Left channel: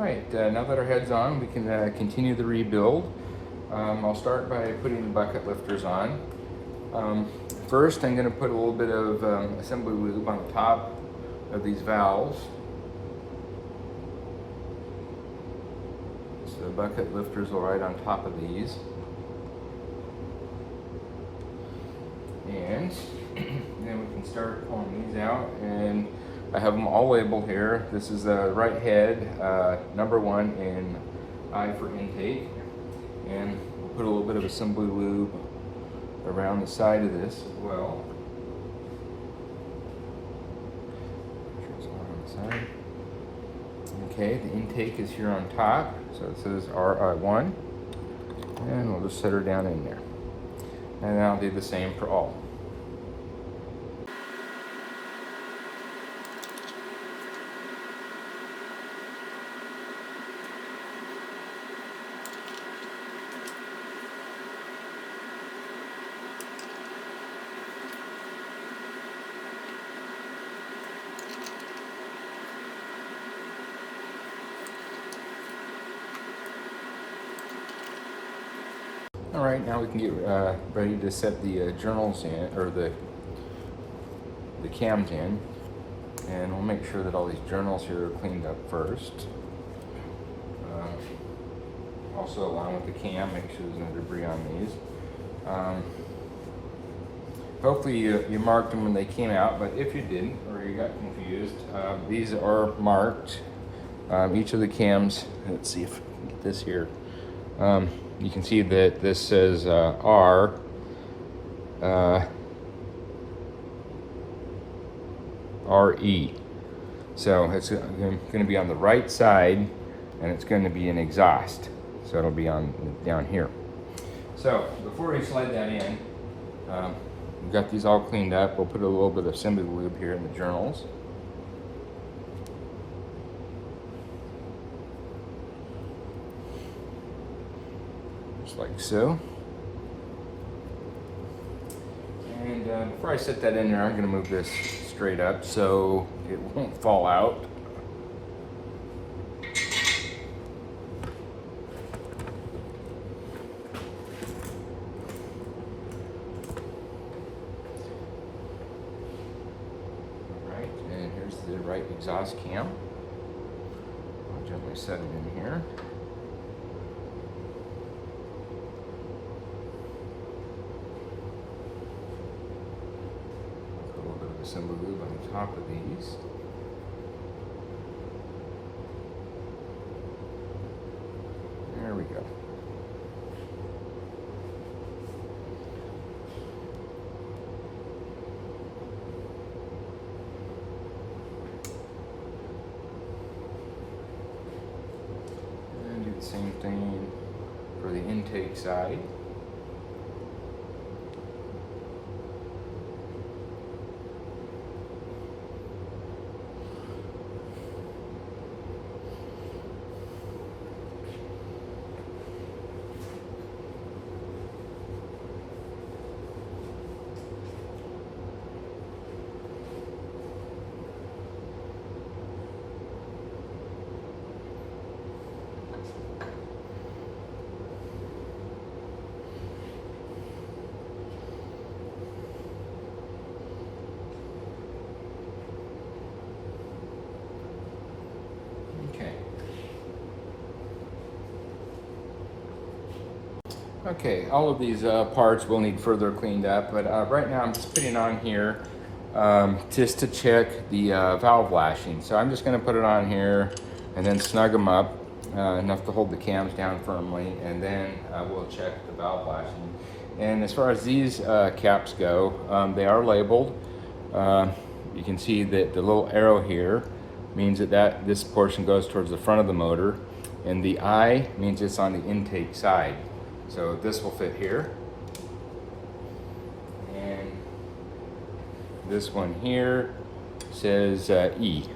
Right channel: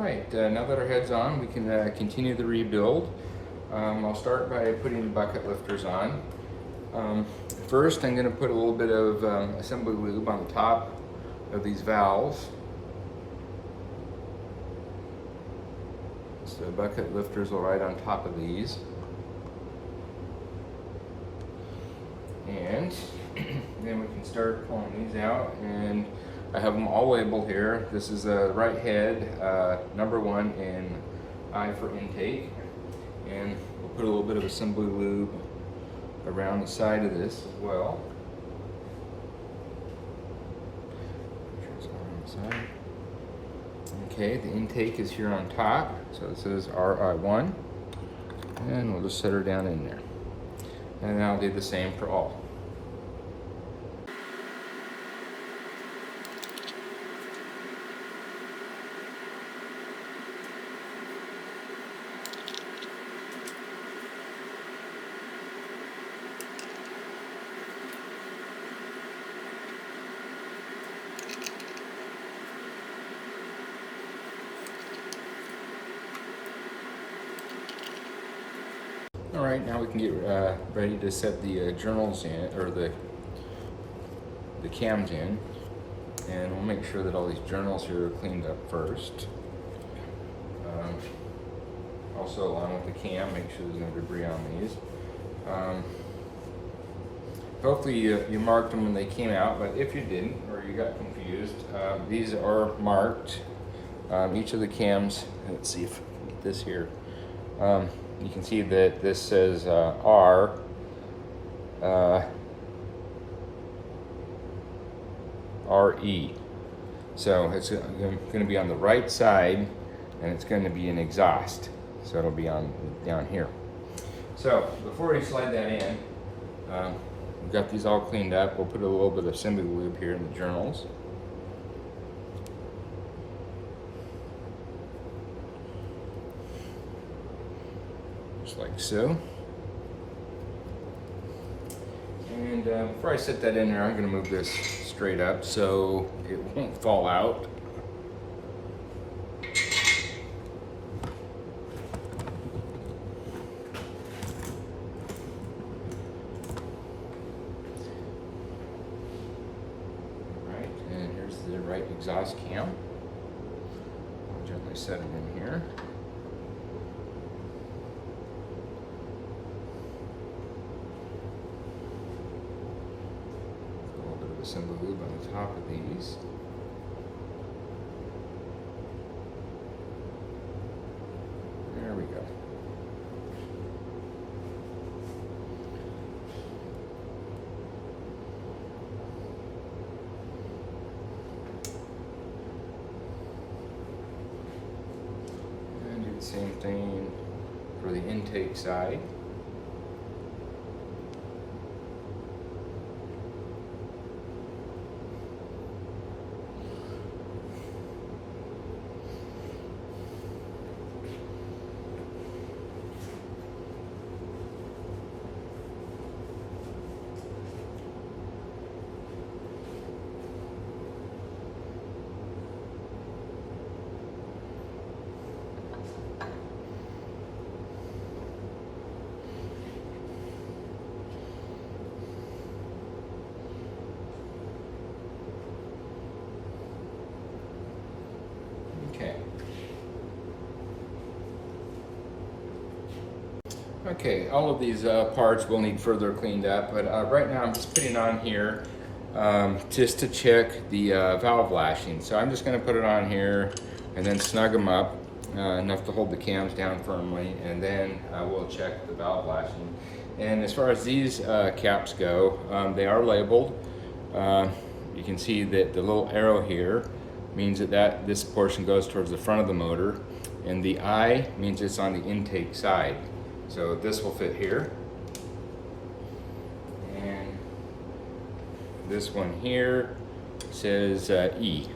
Alright, now that our head's on, we can continue the rebuild. I'll start by putting the bucket lifters on. First, I'm going to put a little bit of assembly lube on the top of these valves. So bucket lifters will ride on top of these. And then we can start pulling these out, and I have them all labeled here. This is the right head, number 1 in I for intake. And we'll put a little bit of assembly lube around the side of this as well. Make sure it's not on the side. Okay, the intake is here on top, so it says RI1. And we'll just set her down in there. And then I'll do the same for all. All right, now we can get ready to set the journals in, or the cams in, and we'll make sure that all these journals here are cleaned up first. Also, along with the cam, make sure there's no debris on these. Hopefully you marked them when they came out, but if you didn't, or you got confused, these are marked. Each of the cams, let's see if we can get this here. You can see that this says R. RE. So it's going to be on the right side, and it's going to be an exhaust. So it'll be on down here. So before we slide that in, we've got these all cleaned up. We'll put a little bit of assembly lube here in the journals. Just like so. And before I set that in there, I'm going to move this straight up so it won't fall out. Alright, and here's the right exhaust cam. I'll gently set it in here. Assembly lube on the top of these. There we go. And do the same thing for the intake side. Okay, all of these parts will need further cleaned up, but right now I'm just putting on here just to check the valve lashing. So I'm just going to put it on here and then snug them up enough to hold the cams down firmly, and then we'll check the valve lashing. And as far as these caps go, they are labeled. You can see that the little arrow here means that this portion goes towards the front of the motor, and the I means it's on the intake side. So this will fit here, and this one here says E,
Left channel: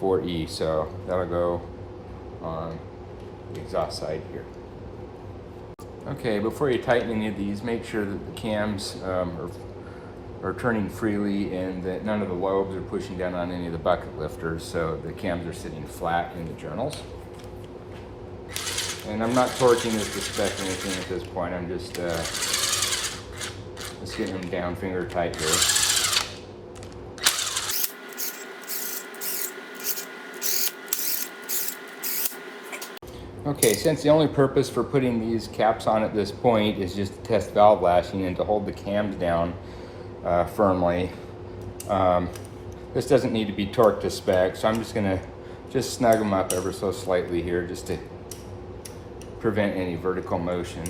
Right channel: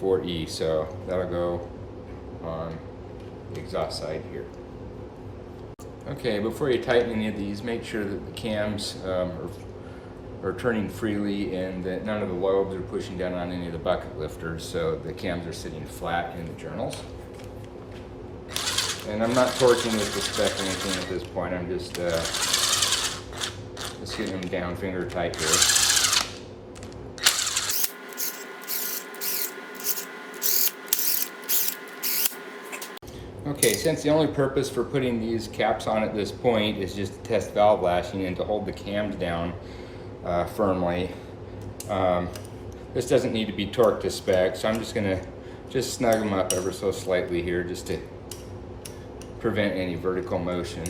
4E, so that'll go on the exhaust side here. Okay, before you tighten any of these, make sure that the cams are are turning freely, and that none of the lobes are pushing down on any of the bucket lifters, so the cams are sitting flat in the journals. And I'm not torquing this to spec or anything at this point. I'm just getting them down finger tight here. Okay, since the only purpose for putting these caps on at this point is just to test valve lashing and to hold the cams down firmly, this doesn't need to be torqued to spec, so I'm just gonna snug them up ever so slightly here just to prevent any vertical motion.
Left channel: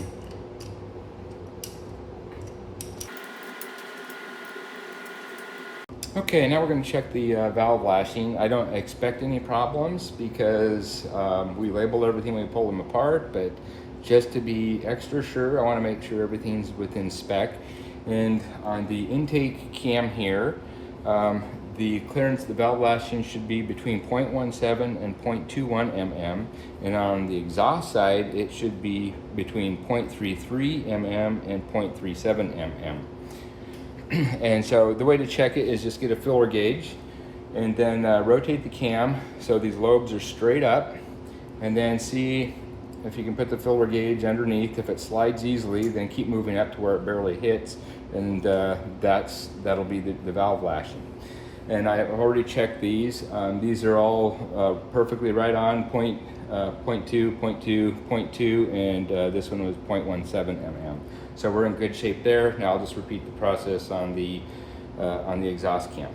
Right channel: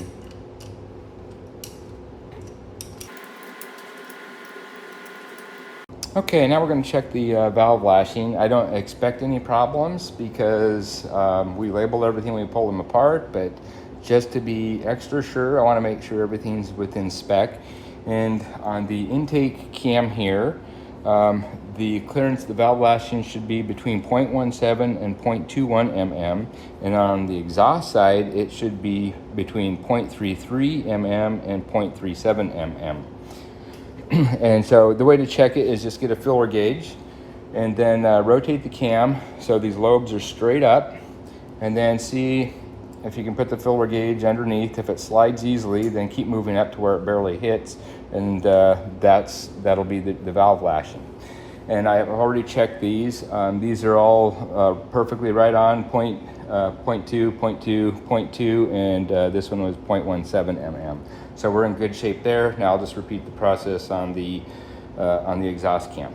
Okay, now we're going to check the valve lashing. I don't expect any problems because we labeled everything when we pulled them apart, but just to be extra sure, I want to make sure everything's within spec. And on the intake cam here, the clearance of the valve lashing should be between 0.17 and 0.21 mm, and on the exhaust side, it should be between 0.33 mm and 0.37 mm. And so the way to check it is just get a filler gauge and then rotate the cam so these lobes are straight up, and then see if you can put the filler gauge underneath. If it slides easily, then keep moving up to where it barely hits, and that'll be the valve lashing. And I've already checked these. These are all perfectly right on, 0.2, 0.2, 0.2, and this one was 0.17 mm. So we're in good shape there. Now I'll just repeat the process on the exhaust cam.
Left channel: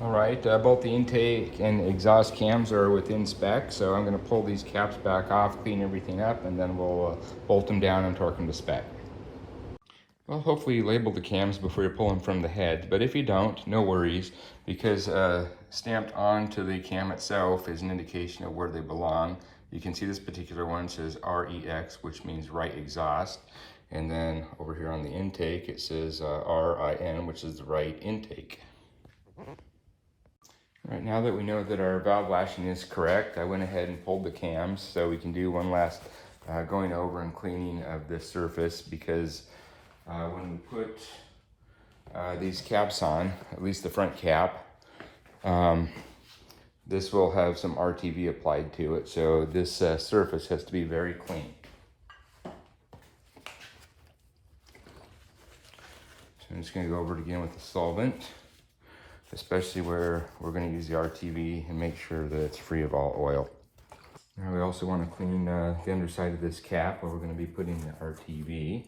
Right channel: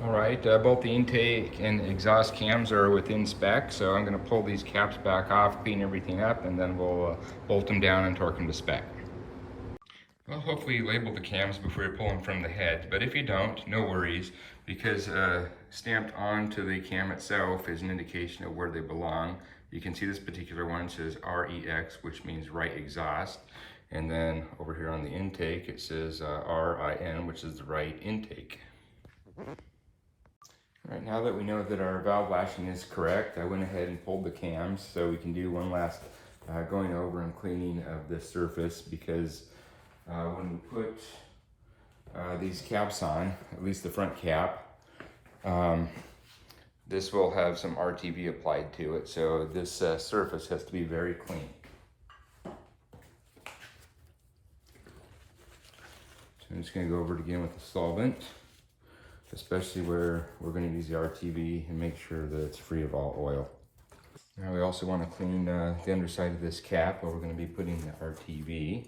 All right, both the intake and exhaust cams are within spec, so I'm going to pull these caps back off, clean everything up, and then we'll bolt them down and torque them to spec. Well, hopefully you label the cams before you pull them from the head, but if you don't, no worries, because stamped onto the cam itself is an indication of where they belong. You can see this particular one says REX, which means right exhaust. And then over here on the intake, it says RIN, which is the right intake. All right, now that we know that our valve lashing is correct, I went ahead and pulled the cams so we can do one last going over and cleaning of this surface, because when we put these caps on, at least the front cap, this will have some RTV applied to it, so this surface has to be very clean. I'm just going to go over it again with the solvent, especially where we're going to use the RTV, and make sure that it's free of all oil. Now we also want to clean the underside of this cap where we're going to be putting the RTV.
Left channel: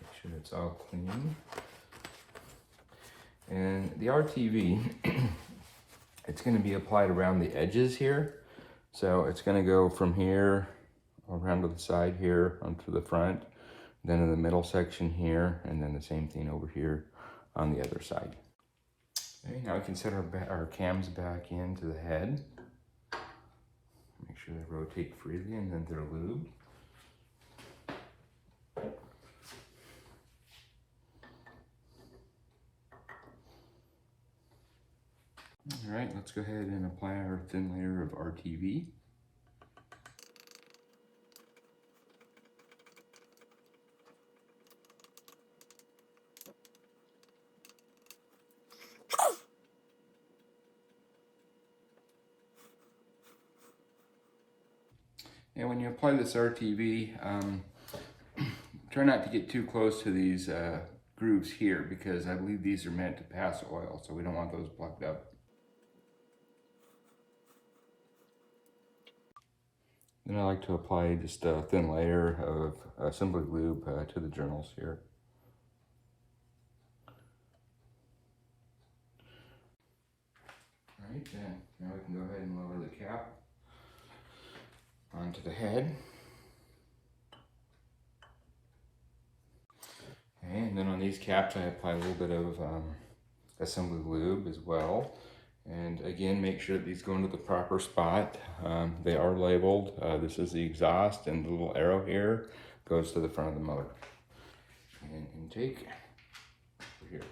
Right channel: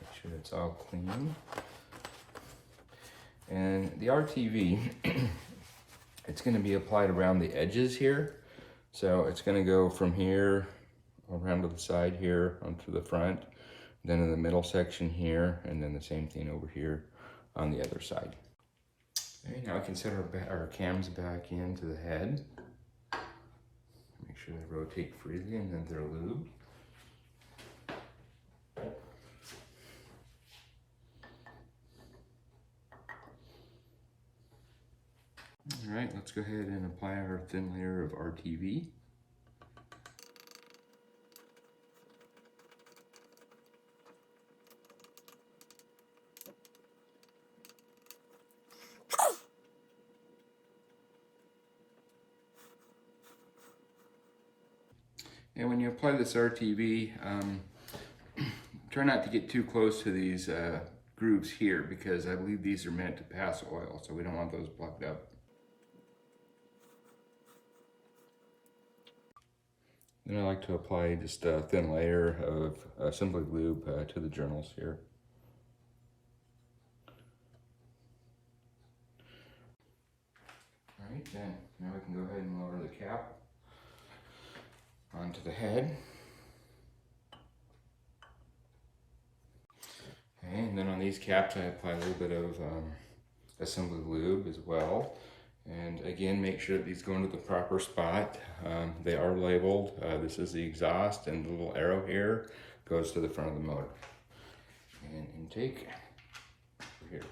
Make sure it's all clean. And the RTV, it's going to be applied around the edges here. So it's going to go from here around to the side here onto the front, then in the middle section here, and then the same thing over here on the other side. Okay, now we can set our cams back into the head. Make sure they rotate freely and then they're lubed. All right, let's go ahead and apply our thin layer of RTV. And when you apply this RTV, try not to get too close to these grooves here, because I believe these are meant to pass oil, so we don't want those plugged up. Then I like to apply just a thin layer of Simply Lube to the journals here. All right, then now we can go ahead and lower the cap onto the head. Okay, and then on these caps I apply a little bit of Assembly Lube as well. And again, make sure that these go into the proper spot. They are labeled. This is the exhaust, and the little arrow here goes to the front of the motor. And intake over here.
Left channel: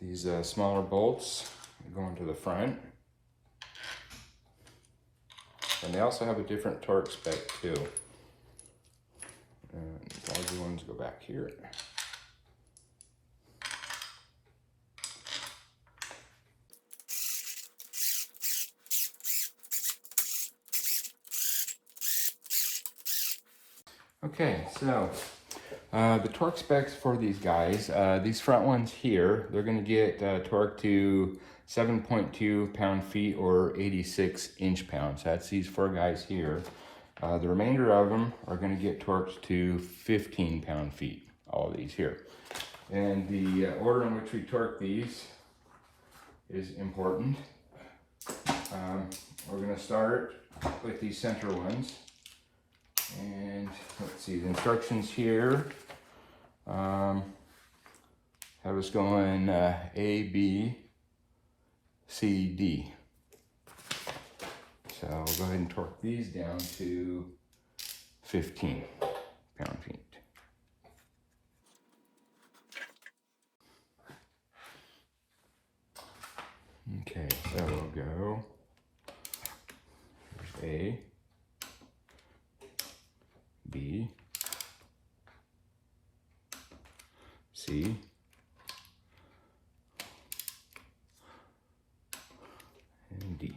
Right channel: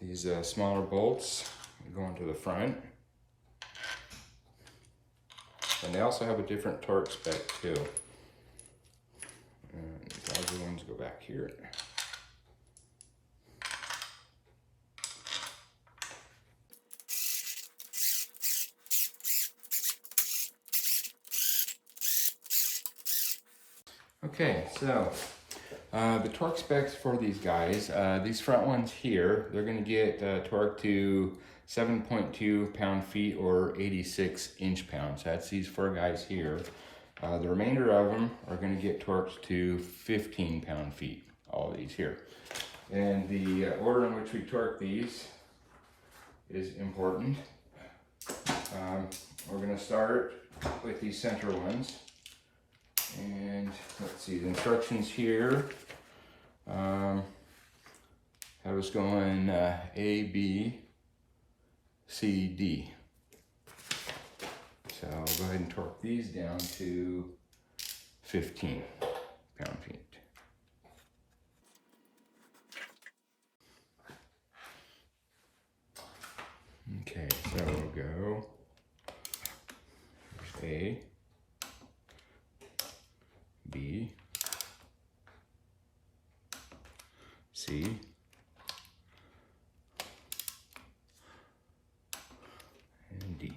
These smaller bolts go into the front. And they also have a different torque spec too. larger ones go back here. Okay, so the torque specs for these guys, these front ones here, they're going to get torque to 7.2 pound-feet or 86 inch-pounds. That's these 4 guys here. The remainder of them are going to get torqued to 15 pound-feet, all these here. And the order in which we torque these is important. We're going to start with these center ones. And let's see, the instructions here, I was going A, B, C, D. So I'll go ahead and torque these down to 15 pound-feet. Okay, so we'll go A, B, C, and D.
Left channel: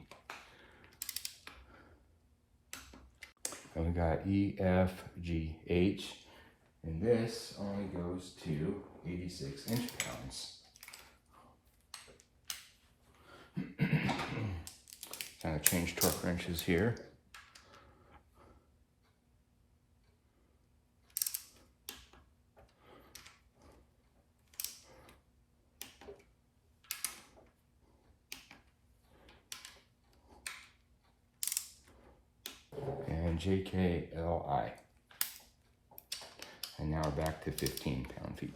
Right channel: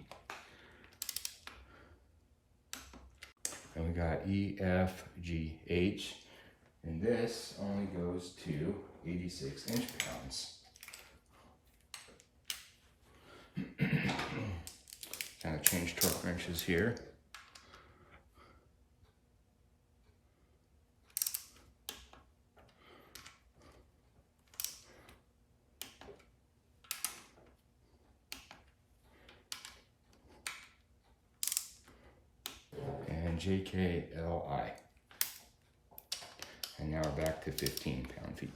And we got E, F, G, H, and this only goes to 86 inch-pounds. Kind of change torque wrenches here. And JKLI. And now we're back to 15 pound-feet.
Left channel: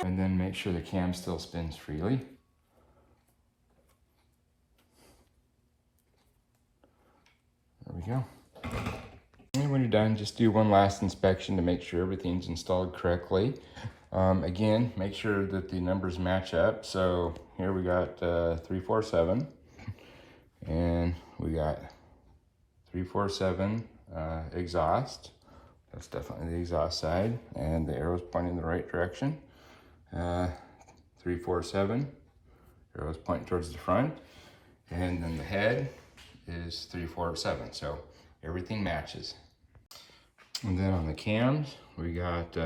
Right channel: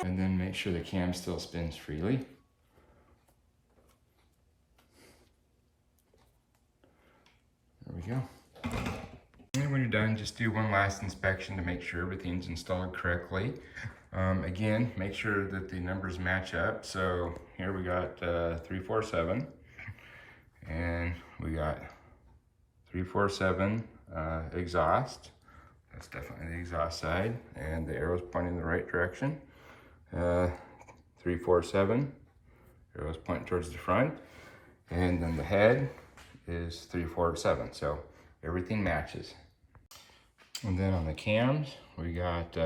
And then make sure the cam still spins freely. There we go. And when you're done, just do one last inspection to make sure everything's installed correctly. Again, make sure that the numbers match up. So here we got 347, and we got 347 exhaust. That's definitely the exhaust side, and the arrow's pointing in the right direction. 347, arrow's pointing towards the front, and then the head is 347, so everything matches. And then on the cams, we got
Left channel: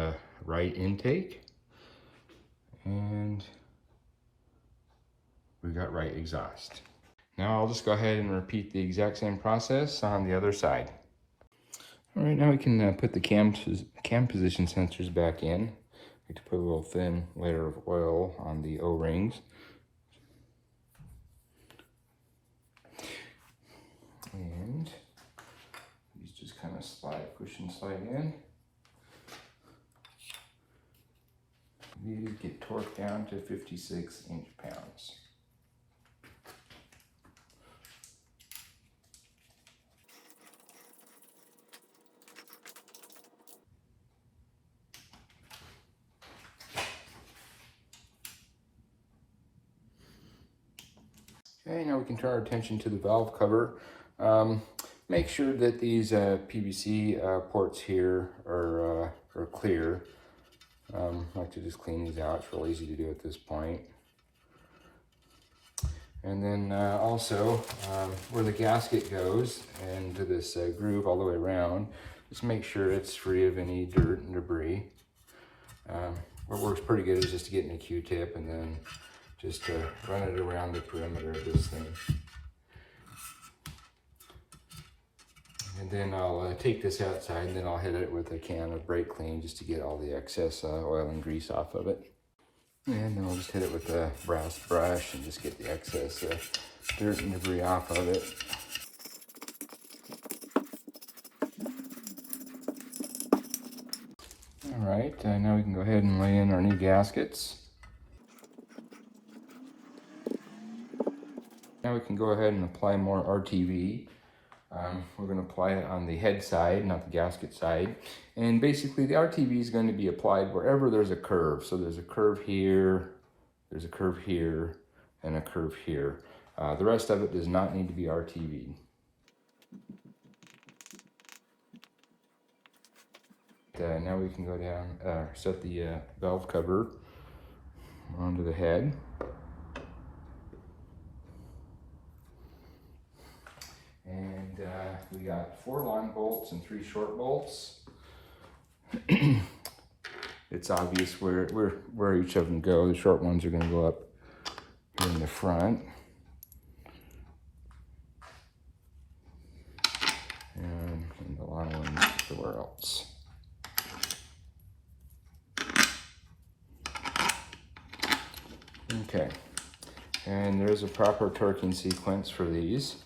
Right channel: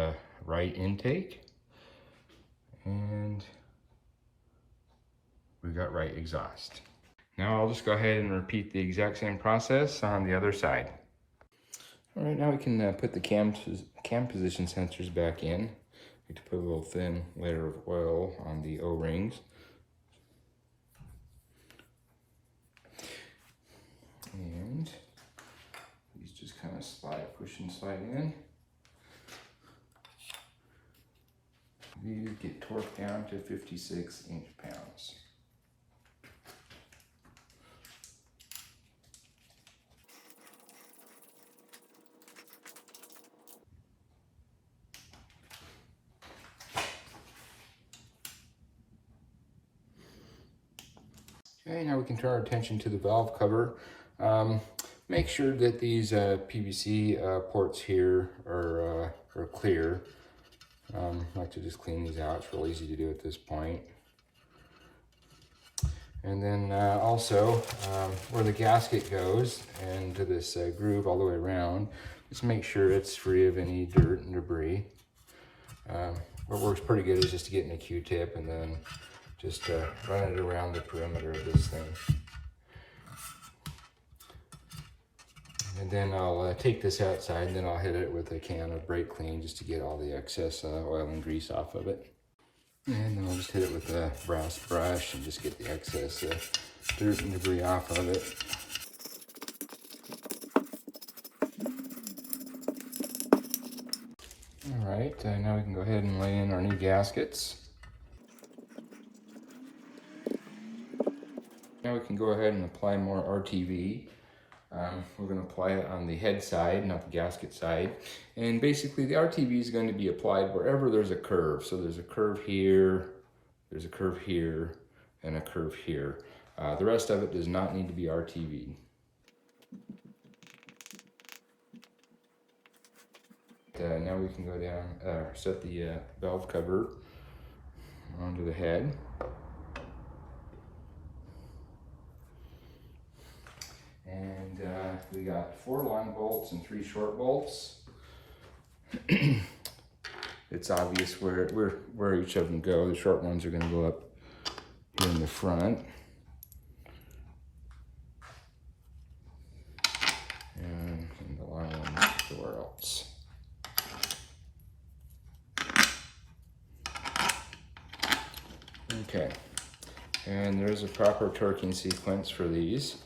right intake, and we got right exhaust. Now I'll just go ahead and repeat the exact same process on the other side. All right, now we can put the cam position sensors back in. I need to put a little thin layer of oil on the O-rings. And these just kind of slide, push and slide in. These get torqued down to 56 inch-pounds. Okay, now we can turn our attention to the valve cover. Make sure that these PVC ports here are clear. I like to just clean these out. It's real easy to do at this point. And then also where the gasket goes and to this groove all the way around, just make sure it's free of any dirt and debris. What works pretty good is just to get in a Q-tip and then just run it around the perimeter of this thing. And then I'll take this outside, and then I'll hit it with a can of brake clean just to get all the excess oil and grease off of it. And then I'll just hit it with a brass brush and just get the excess dirt and debris off of it. All right, now we can go ahead and lay in our new gaskets. Now we can go ahead and apply more RTV. We're going to apply it on the head side, not the gasket side. And basically the RTV is going to be applied wherever there's a curve. So there's a curve here, there's a curve here, and a curve here. The rest of it does not need to be RTV'd. now we can go down, set the valve cover onto the head. And we got 4 long bolts and 3 short bolts. It's obvious where each of them go. The short ones are going to go up here in the front. And the long ones somewhere else. Okay, and there's a proper torquing sequence for these.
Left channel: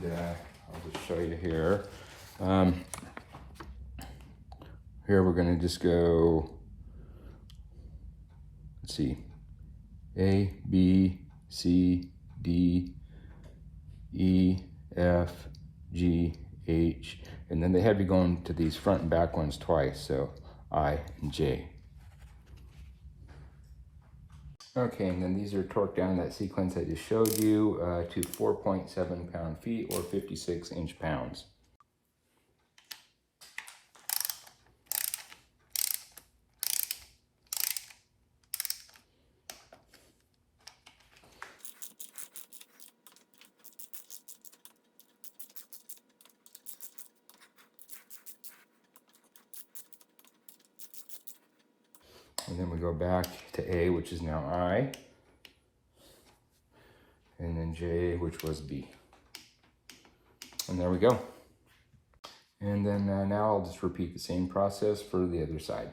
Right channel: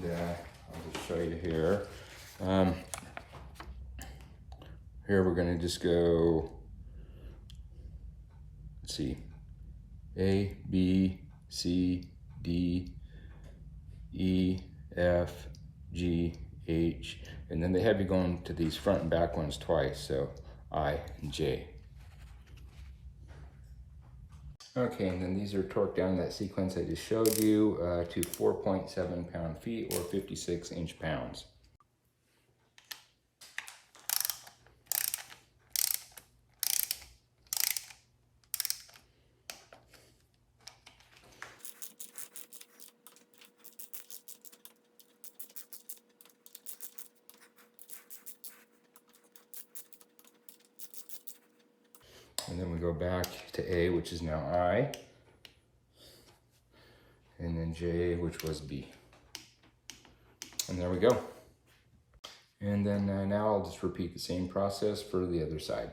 And I'll just show you here. Here we're going to just go, let's see, A, B, C, D, E, F, G, H, and then they have you going to these front and back ones twice, so I and J. Okay, and then these are torqued down in that sequence I just showed you to 4.7 pound-feet or 56 inch-pounds. And then we go back to A, which is now I, and then J, which was B. And there we go. And then now I'll just repeat the same process for the other side.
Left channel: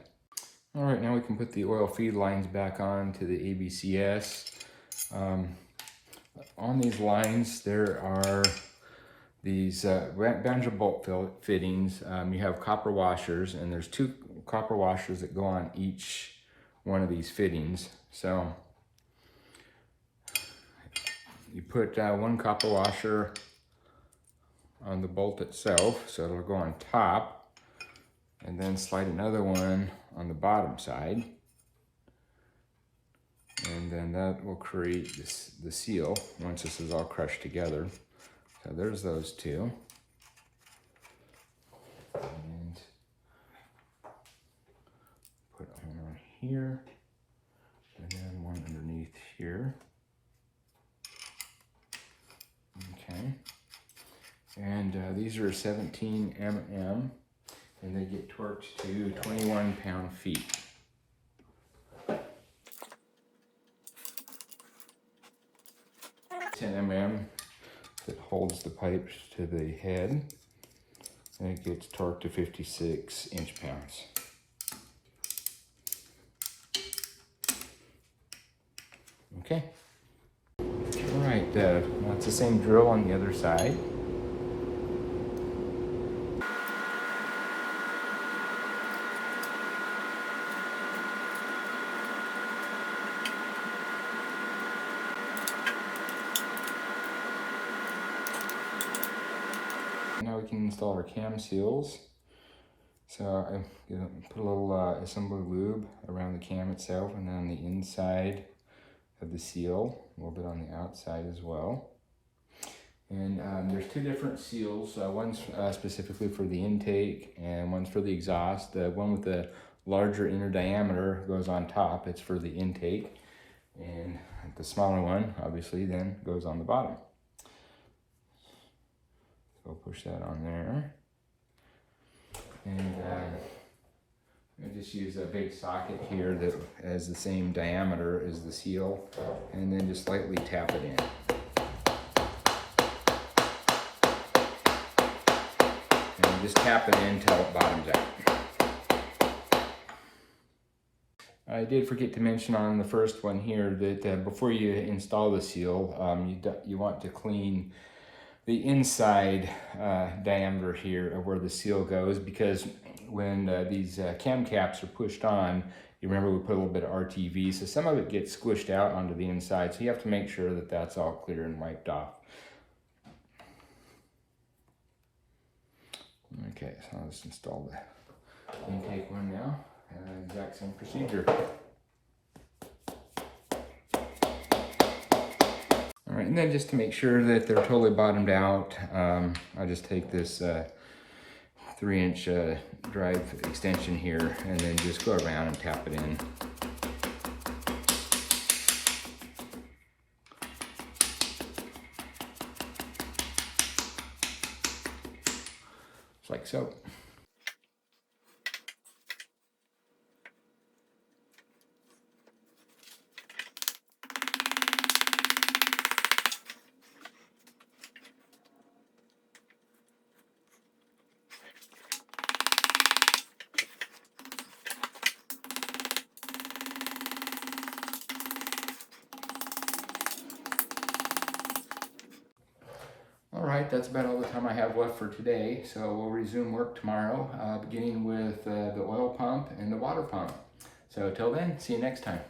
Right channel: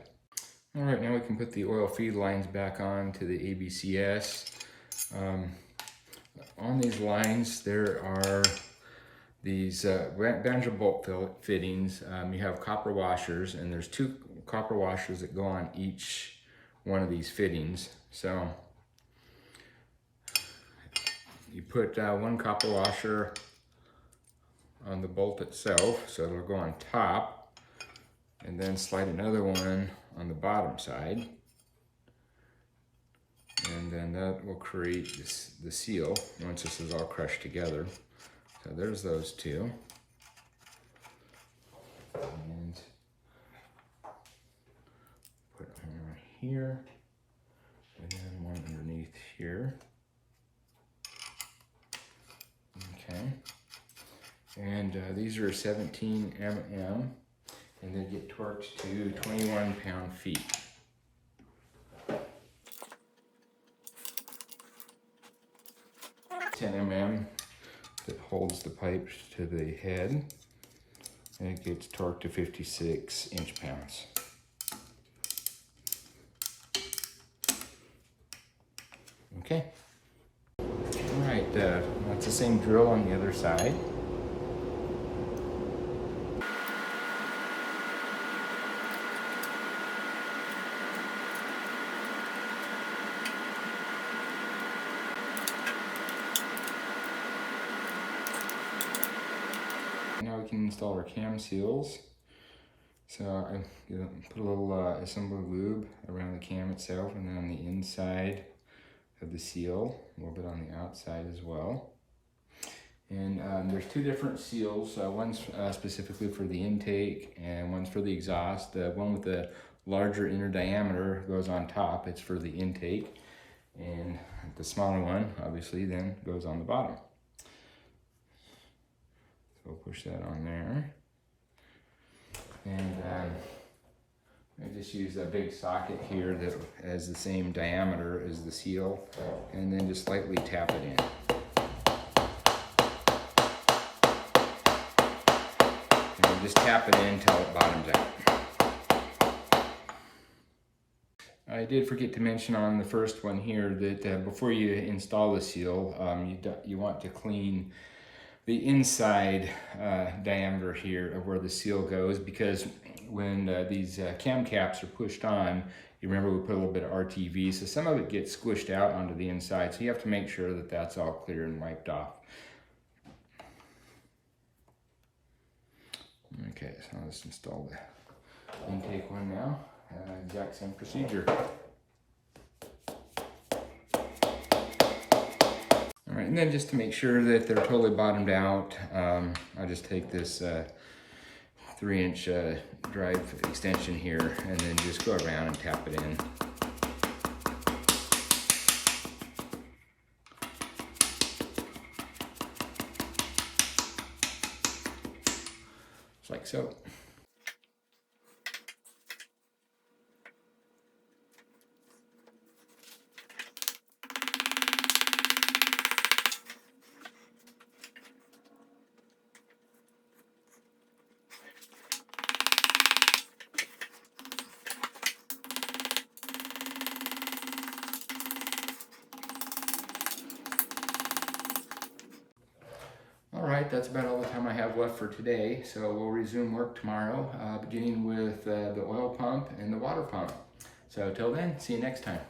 All right, now we can put the oil feed lines back on to the ABCS. On these lines, there are these banjo bolt fittings. You have copper washers, and there's 2 copper washers that go on each one of these fittings. So you put 1 copper washer on the bolt itself, so it'll go on top, and then slide another one on the bottom side, and then that will create the seal once this is all crushed together. So there's those 2. And put one right here, and then one underneath here. Okay. And these are 17 mm, and they get torqued to 21 pound-feet. Mm that holds the pipe to the head, and it gets torqued to 56 inch-pounds. Okay. All right, it's the same drill on the other side. Now we can install our cam seals. So I put a little assembly lube around the cam itself, and then on the inside of the seal, a little bit on the outside as well. And there's 2 different seals. One's specifically for the intake, and one's for the exhaust. The one with the larger inner diameter goes on top. It's for the intake. And the smaller one, obviously, then goes on the bottom. So we'll push that on there. And I just use a big socket here that has the same diameter as the seal, and then just lightly tap it in. And just tap it in until it bottoms out. I did forget to mention on the first one here that before you install the seal, you want to clean the inside diameter here of where the seal goes, because when these cam caps are pushed on, you remember we put a little bit of RTV, so some of it gets squished out onto the inside, so you have to make sure that that's all clear and wiped off. Okay, so let's install the intake one now. Exact same procedure. All right, and then just to make sure that they're totally bottomed out, I just take this 3-inch drive extension here, and then just go around and tap it in. Just like so. All right, that's about all the time I have left for today. So we'll resume work tomorrow, beginning with the oil pump and the water pump. So till then, see you next time.